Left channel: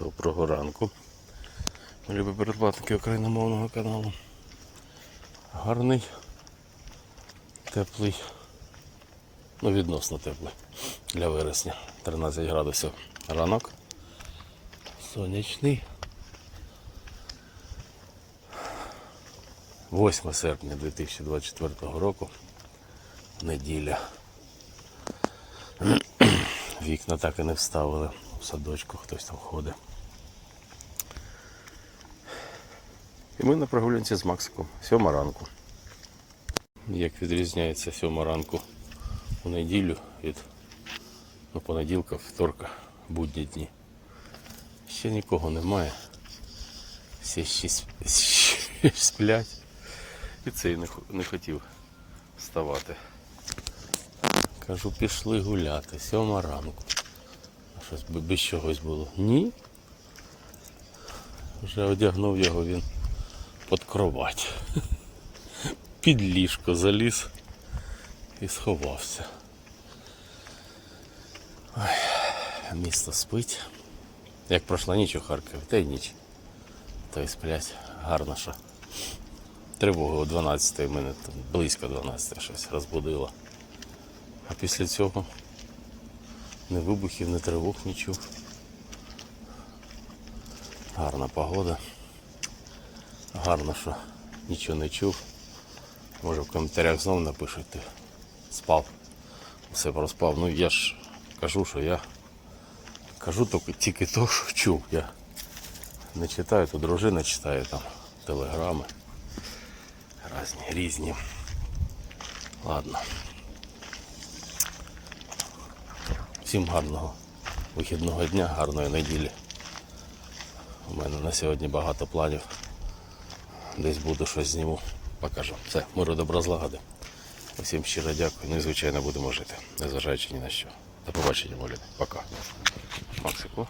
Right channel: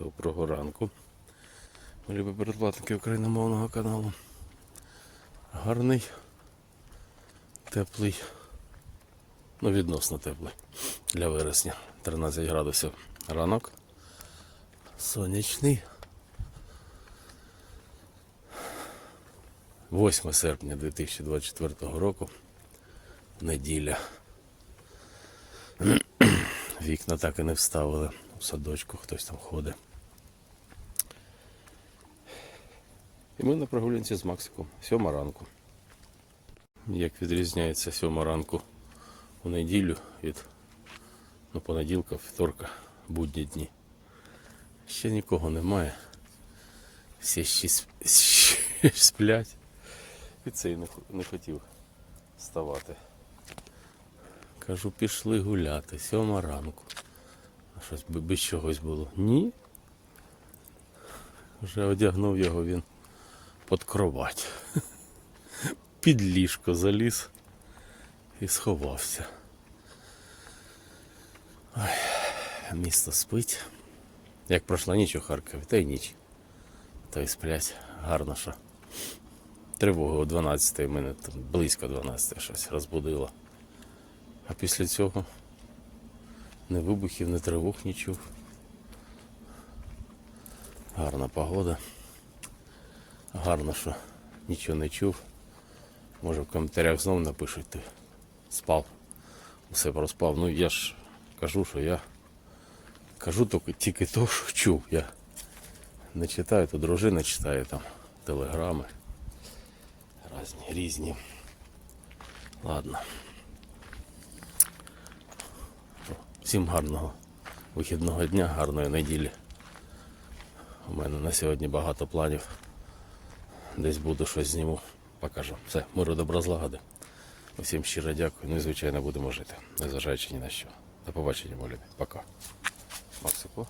Доброго ранку. Любі передплатники україномовного каналу. Гарний, теплий, ну відносно теплий для вересня. 13 градусів ранок. Сонячний. 8 серпня 2024 року. Неділя. Вікна так і не вставили. У садочку хтось там ходить. І ми на прогулянці з Максиком. Сьома ранку. Як відрізняється сьома ранку у неділю від ну, понеділка, вівторка, будні дні. Ще нікого немає. Всі ще сп- ще сплять. І цей не, хотів вставати. Кажу, пішли гуляти, сьома ранку. А Щось без чогось було. Ні. Вже одягнув його він під кровать. Під ліжко заліз і сховався. Ой, місто спить. Як пройшла ніч у Харкові, та й ніч. Та й сплять гарно що. Тривога о 12 в мене там близько 12 щось розбудило. А після цього ні вибухів, ні тривог не чув. Гарна погода. Гарно, що нічого не чув. Може в коментарях знову напишете. Спав. Все проспав. Ну я ж кажу, що я кажу тільки, тільки то, що чув. Я не читаю, то дружина читає там телеграми. Різні, різні. Ладно. Всім гарного вихідного дня, гарної неділі. У мене на сьогодні багато планів. Десь буде щось зніму, покажу. Все, миру добра злагоди. Всім щиро дякую. Ну і звичайно будемо жити, незважаючи ні на що. До побачення, молі. Пока. Максику.